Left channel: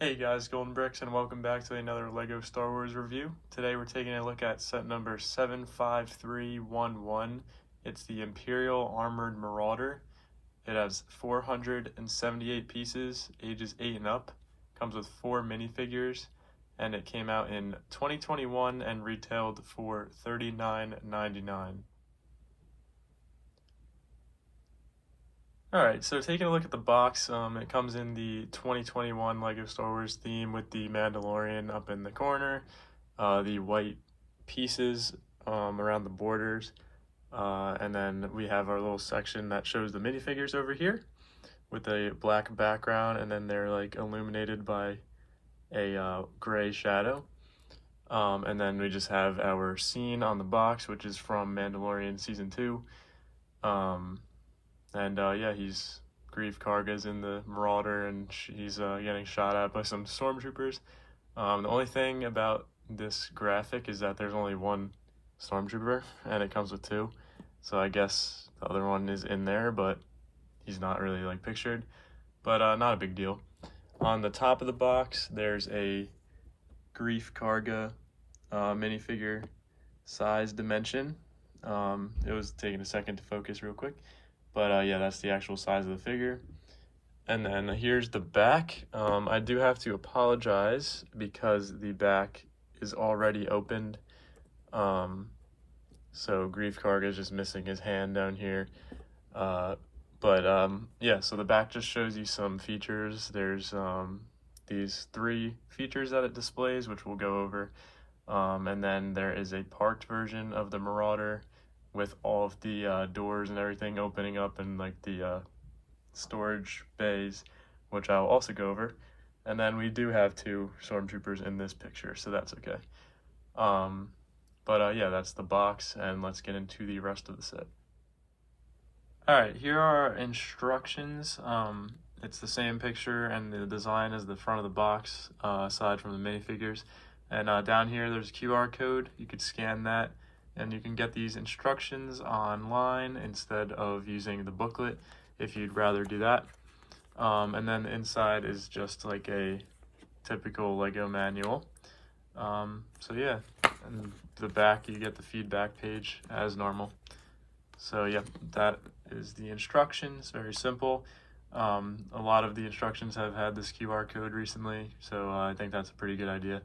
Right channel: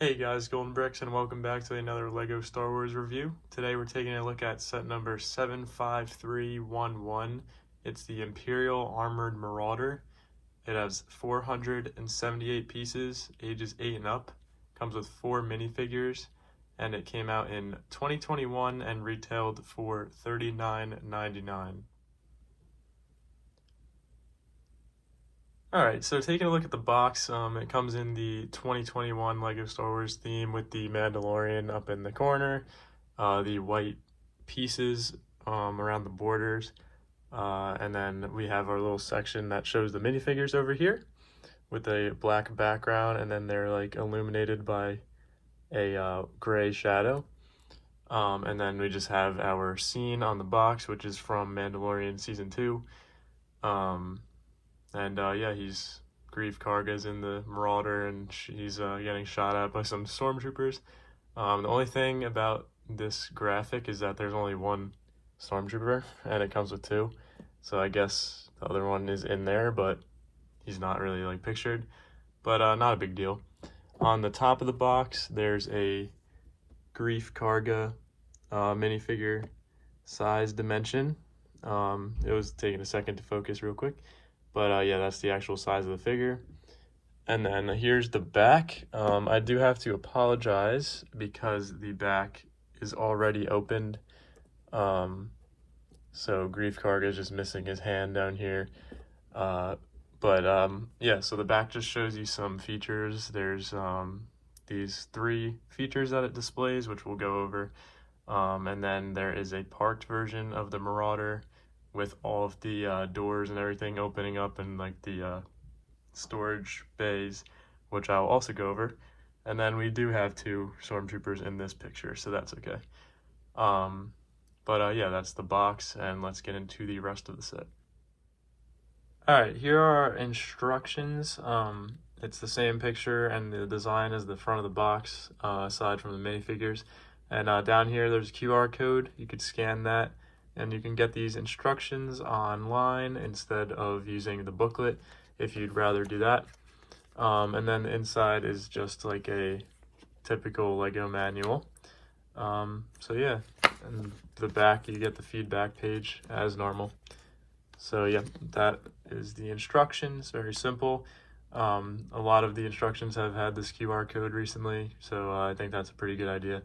Hey guys, Golden Bricks, and welcome back to another LEGO Star Wars review. Today we're taking a look at set number 75311. It's the Imperial Armoured Marauder. It has 478 pieces, ages 8 and up. Comes with 4 minifigures, and it came out in 2021 and retailed for $39.99. Alright, so taking a look at the box, it comes in the 2021 LEGO Star Wars theme with the Mandalorian up in the corner, the white pieces around the borders, and then we have our little section that shows the minifigures over here with a black background, and then they're like illuminated by a gray shadow. And then we just have our scene on the box, which is from Mandalorian Season 2. Yeah, Grief Karga's in the Marauder, and he's getting shot at by some stormtroopers. The only thing about this graphic is that there's only one stormtrooper, and it comes with 2. So I guess the other one is in there, but he's not really like pictured. But not a big deal. On the top of the box, there's a Grief Karga minifigure size dimension. It was taking a second to focus real quick. But yeah, that's the actual size of the figure. And then here's the back. I do have to apologize because the back is already opened. So Grief Karga is just missing his hand down here. Yeah, so the back just shows you some features. There's these 3 features that it displays, which we'll go over. And then there is a parked version of the Marauder with all of the doors and everything opening up, and like the storage bays, which I'll also go over. And then we do have 2 stormtroopers in this picture, so that's okay. Yeah, that's the box, and let's get into the rest of the set. Alright, here are our instructions. It's the same picture and the design as the front of the box, aside from the minifigures. And down here there's a QR code. You could scan that, and you can get these instructions online instead of using the booklet if you'd rather do that. And then the inside is just like a typical LEGO manual. So yeah, and the back you get the feedback page as normal. So yeah, that is the instructions, very simple. A lot of the instructions have had this QR code recently, so I think that's a pretty good idea.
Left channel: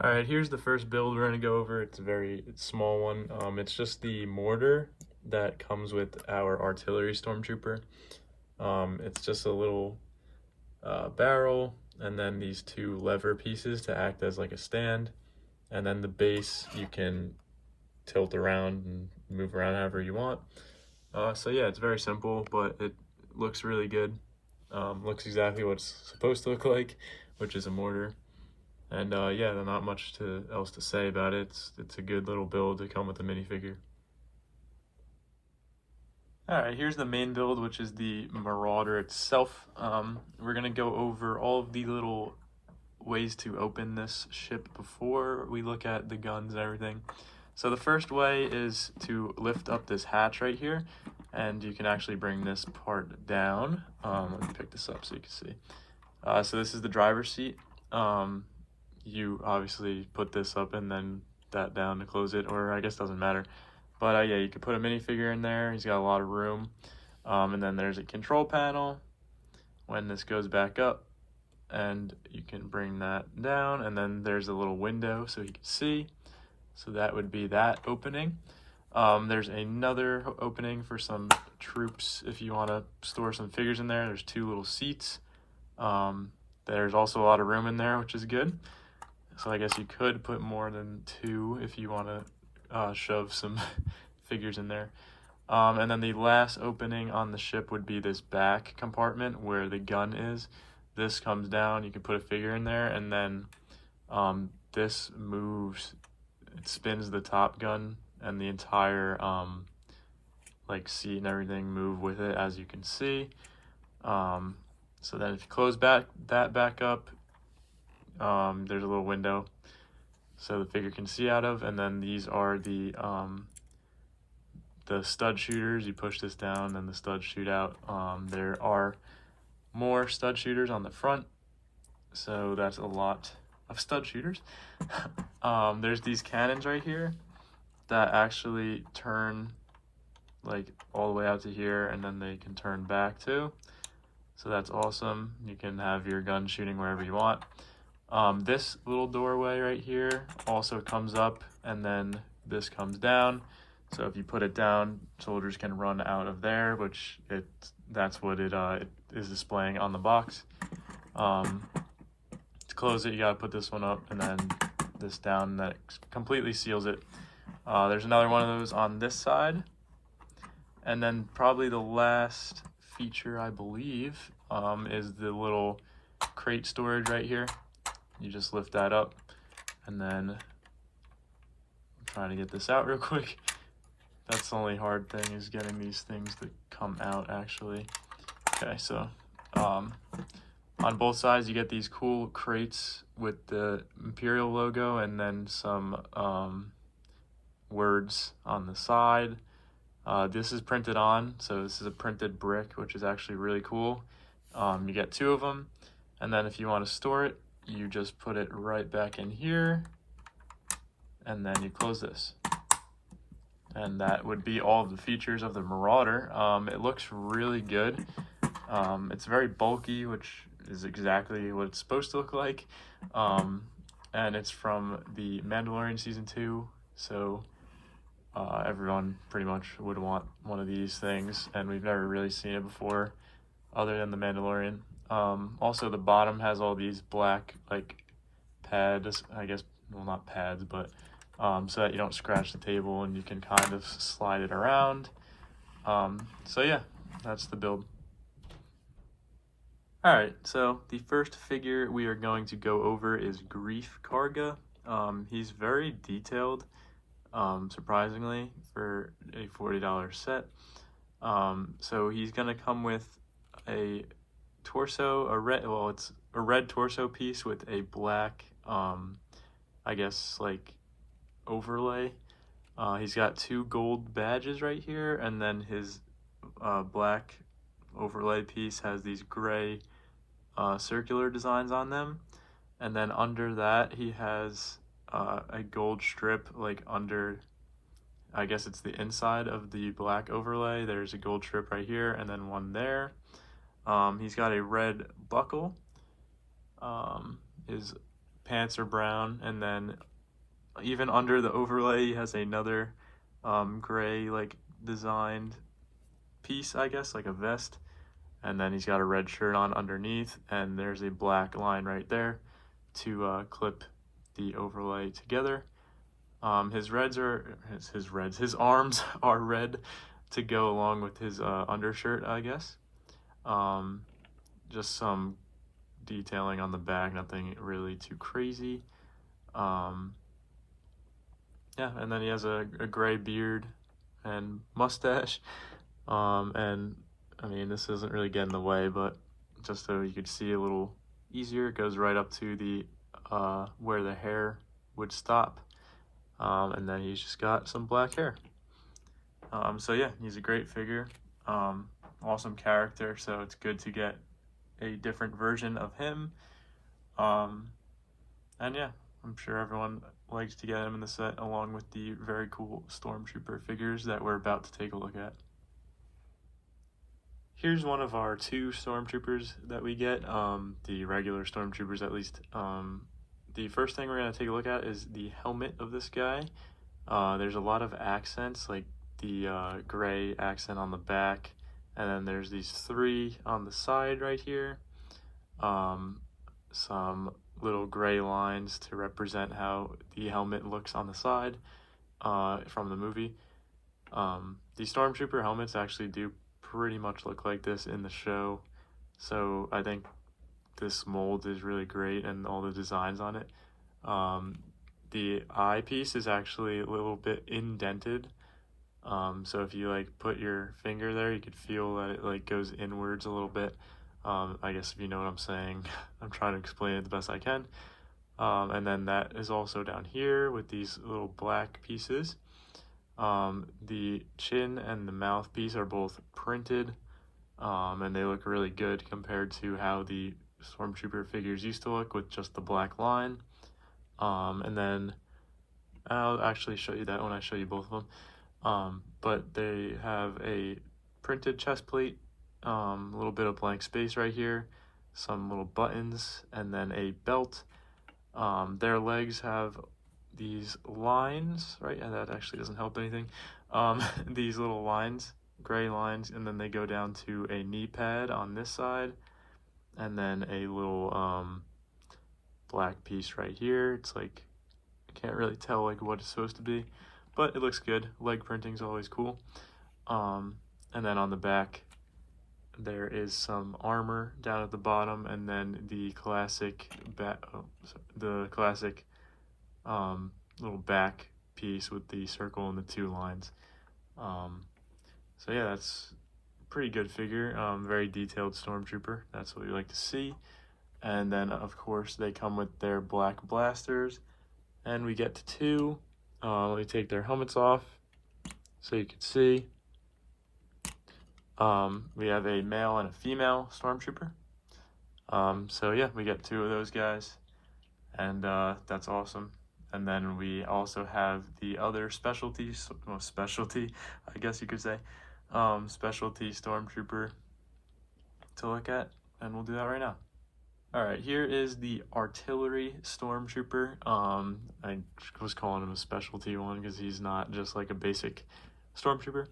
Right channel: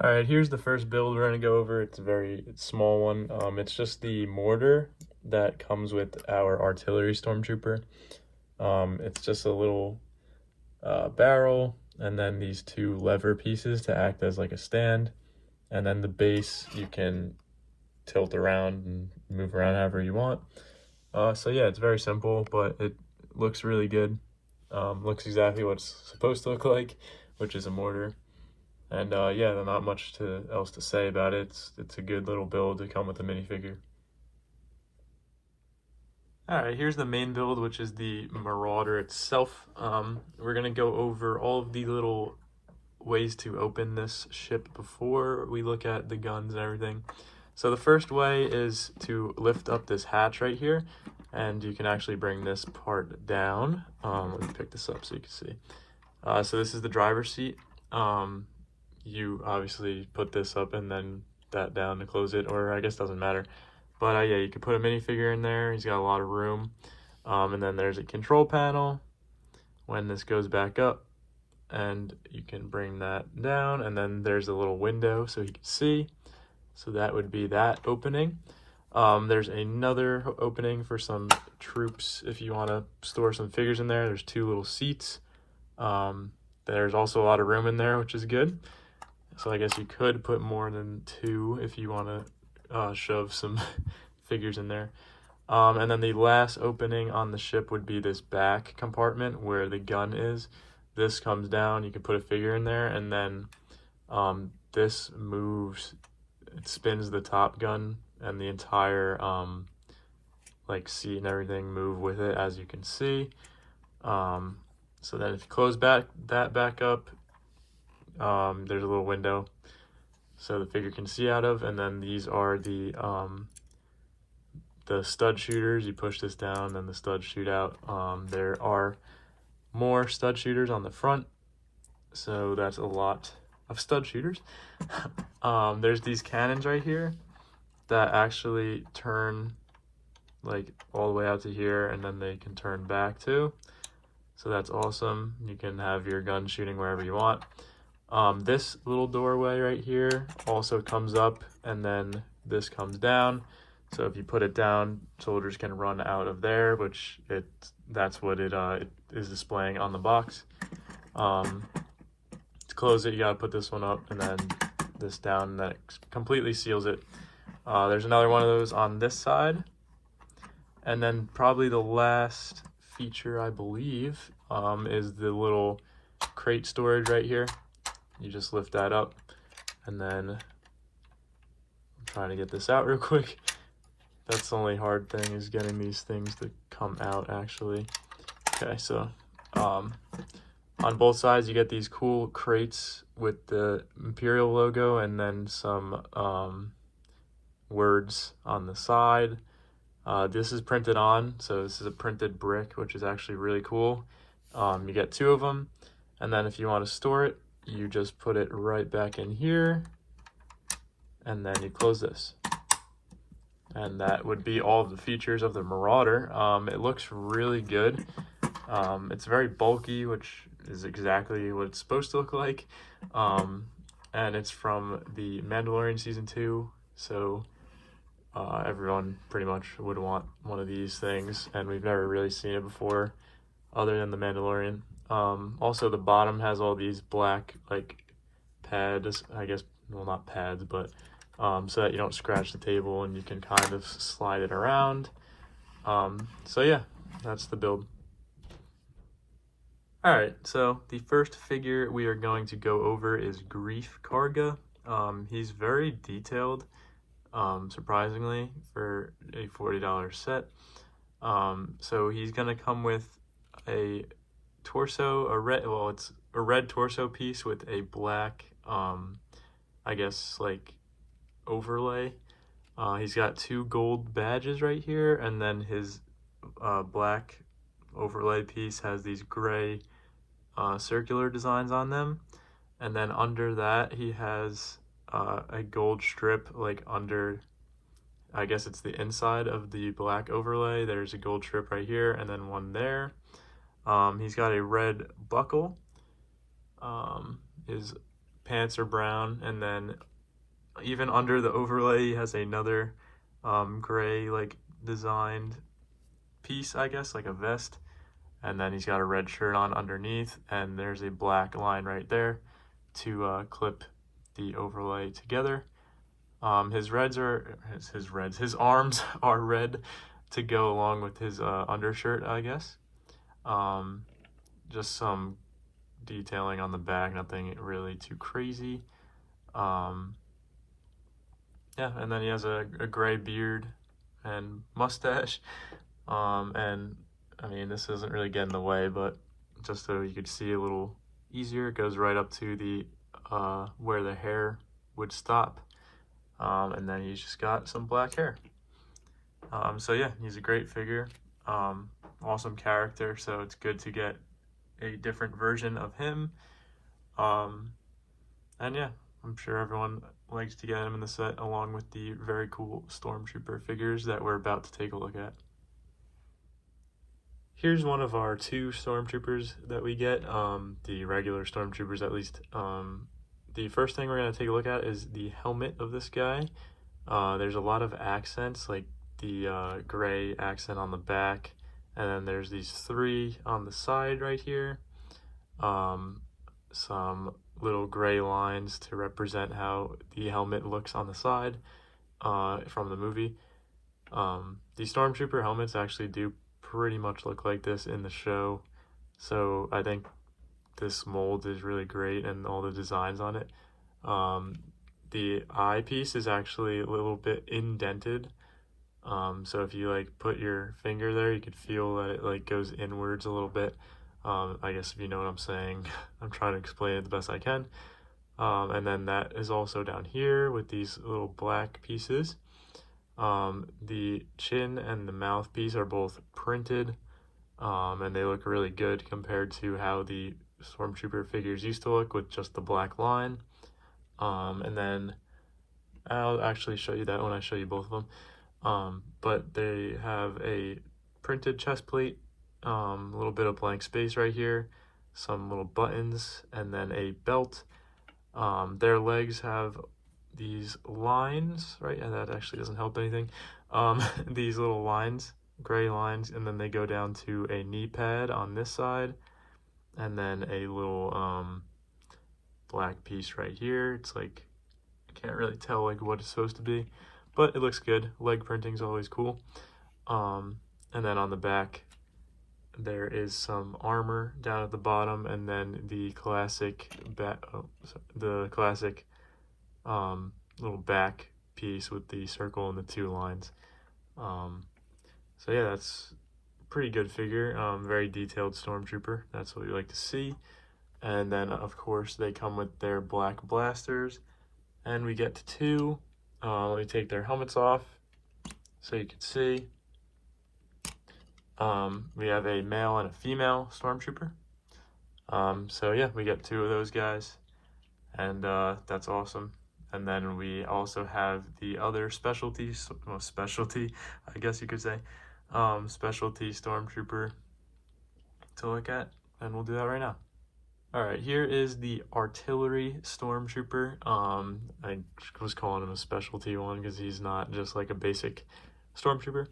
Alright, here's the first build we're going to go over. It's a very small one. It's just the mortar that comes with our artillery stormtrooper. It's just a little barrel, and then these 2 lever pieces to act as like a stand. And then the base you can tilt around and move around however you want. So yeah, it's very simple, but it looks really good. Looks exactly what it's supposed to look like, which is a mortar. And yeah, there's not much else to say about it. It's a good little build to come with the minifigure. Alright, here's the main build, which is the Marauder itself. We're going to go over all of the little ways to open this ship before we look at the guns and everything. So the first way is to lift up this hatch right here, and you can actually bring this part down. Let me pick this up so you can see. So this is the driver's seat. You obviously put this up and then that down to close it, or I guess it doesn't matter. But yeah, you can put a minifigure in there. He's got a lot of room. And then there's a control panel when this goes back up, and you can bring that down, and then there's a little window so you can see. So that would be that opening. There's another opening for some troops if you want to store some figures in there. There's 2 little seats. There's also a lot of room in there, which is good. So I guess you could put more than 2 if you want to shove some figures in there. And then the last opening on the ship would be this back compartment where the gun is. This comes down, you can put a figure in there, and then this moves, it spins the top gun, and the entire like seat and everything move with it, as you can see. So then if you close that back up, there's a little window so the figure can see out of, and then these are the stud shooters. You push this down and the studs shoot out. There are More stud shooters on the front, so that's a lot of stud shooters. There's these cannons right here that actually turn like all the way out to here, and then they can turn back too. So that's awesome. You can have your gun shooting wherever you want. This little doorway right here also comes up, and then this comes down. So if you put it down, soldiers can run out of there, which that's what it is displaying on the box. To close it, you gotta put this one up and then this down, and that completely seals it. There's another one of those on this side. And then probably the last feature, I believe, is the little crate storage right here. You just lift that up, and then I'm trying to get this out real quick. That's the only hard thing, is getting these things to come out actually. Okay, so on both sides you get these cool crates with the Imperial logo and then some words on the side. This is printed on, so this is a printed brick, which is actually really cool. You get 2 of them, and then if you want to store it, you just put it right back in here, and then you close this. And that would be all of the features of the Marauder. It looks really good. It's very bulky, which is exactly what it's supposed to look like. And it's from the Mandalorian Season 2, so everyone pretty much would want one of these things, and we've never really seen it before other than the Mandalorian. Also, the bottom has all these black like pads, I guess, well, not pads, but so that you don't scratch the table and you can kind of slide it around. So yeah, that's the build. Alright, so the first figure we are going to go over is Grief Karga. He's very detailed, surprisingly, for a $40 set. So he's gonna come with a torso, it's a red torso piece with a black, I guess, like, overlay. He's got 2 gold badges right here, and then his black overlay piece has these gray circular designs on them, and then under that he has a gold strip, like under, I guess it's the inside of the black overlay. There's a gold strip right here and then one there. He's got a red buckle. His pants are brown, and then even under the overlay he has another gray like designed piece, I guess, like a vest, and then he's got a red shirt on underneath, and there's a black line right there to clip the overlay together. His arms are red to go along with his undershirt, I guess. Just some detailing on the back, nothing really too crazy. Yeah, and then he has a gray beard and mustache. And I mean, this doesn't really get in the way, but just so you could see a little easier, it goes right up to the where the hair would stop. And then he's just got some black hair. So yeah, he's a great figure. Awesome character, so it's good to get a different version of him. And yeah, I'm sure everyone likes to get him in the set, along with the very cool Stormtrooper figures that we're about to take a look at. Here's one of our 2 Stormtroopers that we get, the regular Stormtroopers at least. The first thing we're going to take a look at is the helmet of this guy. There's a lot of accents, like the gray accent on the back, and then there's these 3 on the side right here. Some little gray lines to represent how the helmet looks on the side from the movie. The Stormtrooper helmets actually do pretty much look like this in the show, so I think this mold is really great, and all the designs on it. The eyepiece is actually a little bit indented, so if you like put your finger there, you could feel that it like goes inwards a little bit. I guess if you know what I'm saying. I'm trying to explain it the best I can. And then that is also down here with these little black pieces. The chin and the mouthpiece are both printed. and they look really good compared to how the Stormtrooper figures used to look with just the black line. And then I'll actually show you that when I show you both of them. But they have a printed chest plate, a little bit of blank space right here, some little buttons, and then a belt. Their legs have these lines, right? And that actually doesn't help anything. These little lines, gray lines, and then they go down to a knee pad on this side, and then a little black piece right here. It's like, I can't really tell like what it's supposed to be, but it looks good. Leg printing is always cool. And then on the back, there is some armor down at the bottom, and then the classic little back piece with the circle and the two lines. So yeah, that's a pretty good figure. Very detailed Stormtrooper. That's what we like to see. And then of course they come with their black blasters, and we get to two. We take their helmets off so you can see. We have a male and a female Stormtrooper. So yeah, we get two of those guys, and that's awesome. And then we also have the other specialty, I guess you could say, specialty Stormtrooper to look at, and we'll do that right now. All right, here is the artillery Stormtrooper. I was calling him a specialty one because he's not just like a basic Stormtrooper.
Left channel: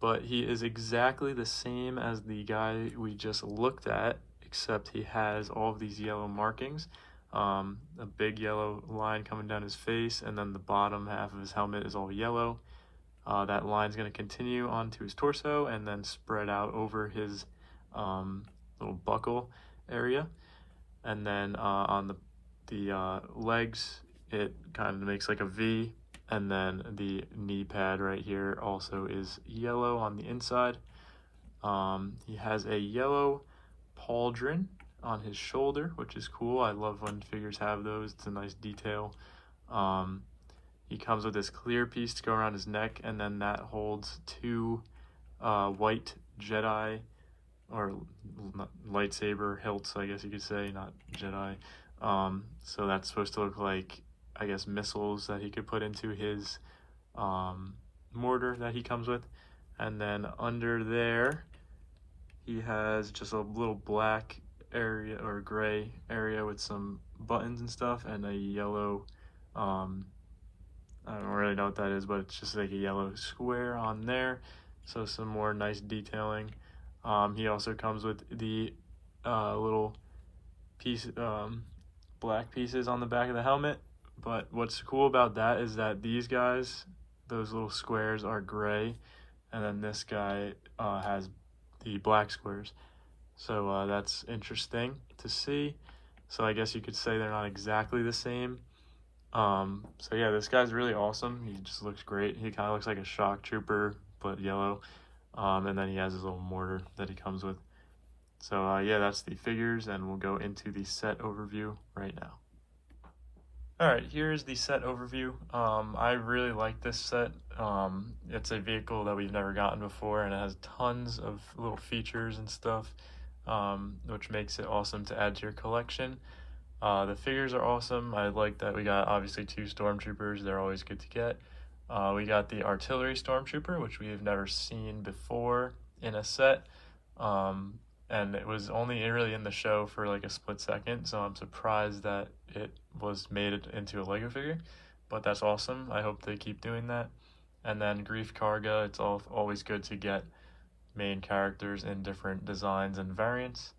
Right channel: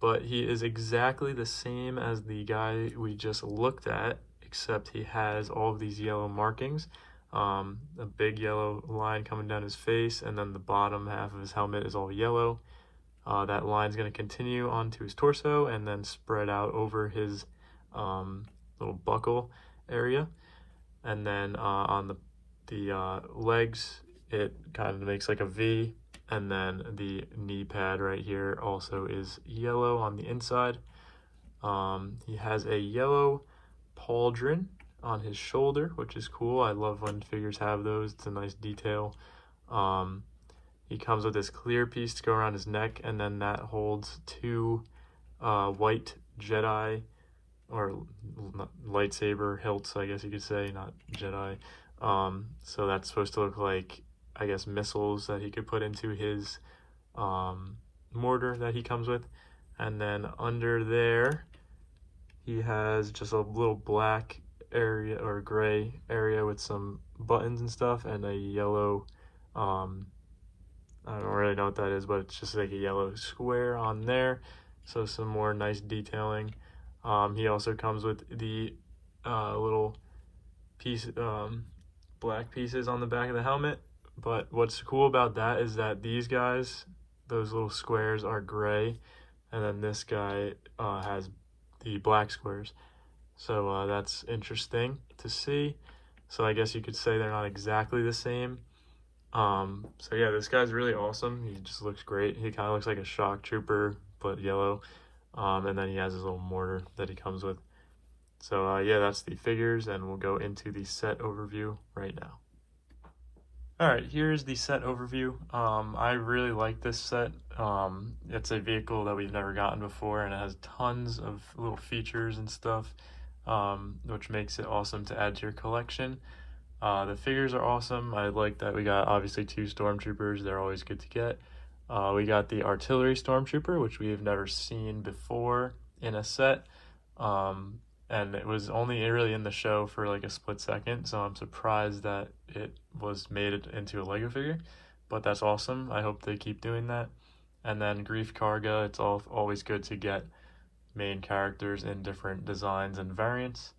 But he is exactly the same as the guy we just looked at, except he has all of these yellow markings, a big yellow line coming down his face, and then the bottom half of his helmet is all yellow. That line is going to continue onto his torso and then spread out over his little buckle area, and then on the legs it kind of makes like a V, and then the knee pad right here also is yellow on the inside. He has a yellow pauldron on his shoulder, which is cool. I love when figures have those. It's a nice detail. He comes with this clear piece to go around his neck, and then that holds two white Jedi or lightsaber hilts, I guess you could say, not Jedi. So that's supposed to look like, I guess, missiles that he could put into his mortar that he comes with. And then under there, he has just a little black area or gray area with some buttons and stuff, and a yellow, I don't really know what that is, but it's just like a yellow square on there. So some more nice detailing. He also comes with the little piece, black pieces on the back of the helmet. But what's cool about that is that these guys, those little squares, are gray, and then this guy has the black squares. So that's interesting to see. So I guess you could say they're not exactly the same. So yeah, this guy's really awesome. He just looks great. He kind of looks like a shock trooper, but yellow. And then he has his little mortar that he comes with. So yeah, that's the figures, and we'll go into the set overview right now. Alright, here's the set overview. I really like this set. It's a vehicle that we've never gotten before, and it has tons of little features and stuff, which makes it awesome to add to your collection. The figures are awesome. I like that we got obviously two Stormtroopers. They're always good to get. We got the artillery Stormtrooper, which we have never seen before in a set. And it was only really in the show for like a split second, so I'm surprised that it was made into a Lego figure, but that's awesome. I hope they keep doing that. And then Grief Karga, it's always good to get main characters in different designs and variants.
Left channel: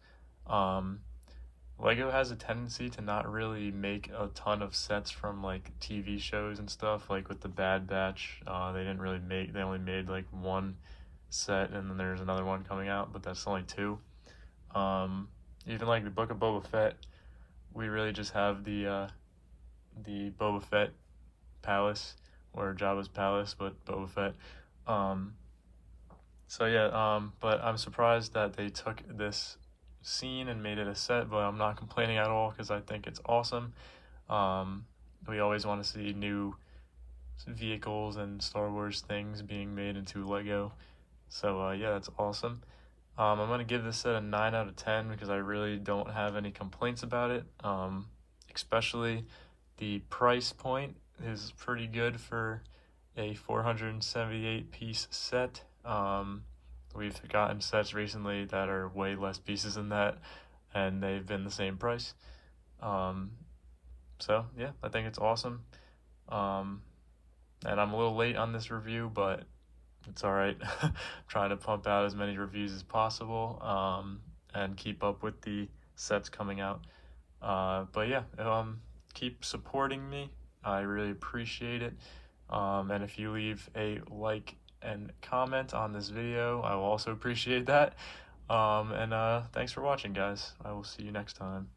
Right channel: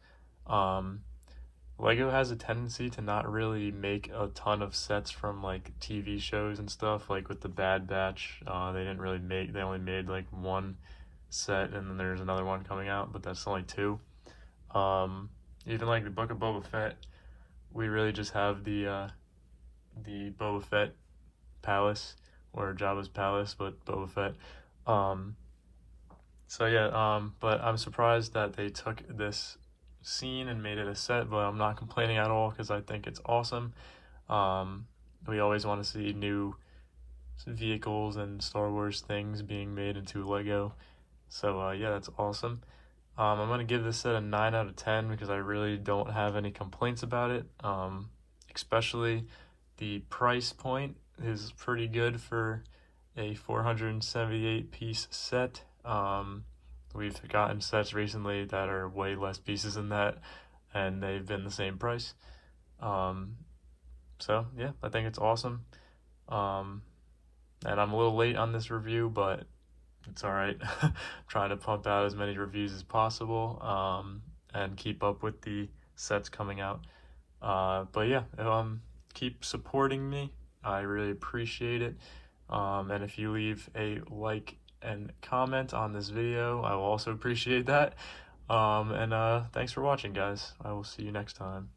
Lego has a tendency to not really make a ton of sets from like TV shows and stuff, like with the Bad Batch. They only made like one set, and then there's another one coming out, but that's only two. Even like the Book of Boba Fett, we really just have the Boba Fett palace, or Jabba's palace, but Boba Fett. So yeah, but I'm surprised that they took this scene and made it a set, but I'm not complaining at all because I think it's awesome. We always want to see new vehicles and Star Wars things being made into Lego. So yeah, that's awesome. I'm going to give this set a 9 out of 10 because I really don't have any complaints about it. Especially the price point is pretty good for a 478 piece set. We've gotten sets recently that are way less pieces than that, and they've been the same price. So yeah, I think it's awesome. And I'm a little late on this review, but it's all right. Trying to pump out as many reviews as possible, and keep up with the sets coming out. But yeah, keep supporting me. I really appreciate it. And if you leave a like and comment on this video, I will also appreciate that. And thanks for watching, guys. I will see you next time.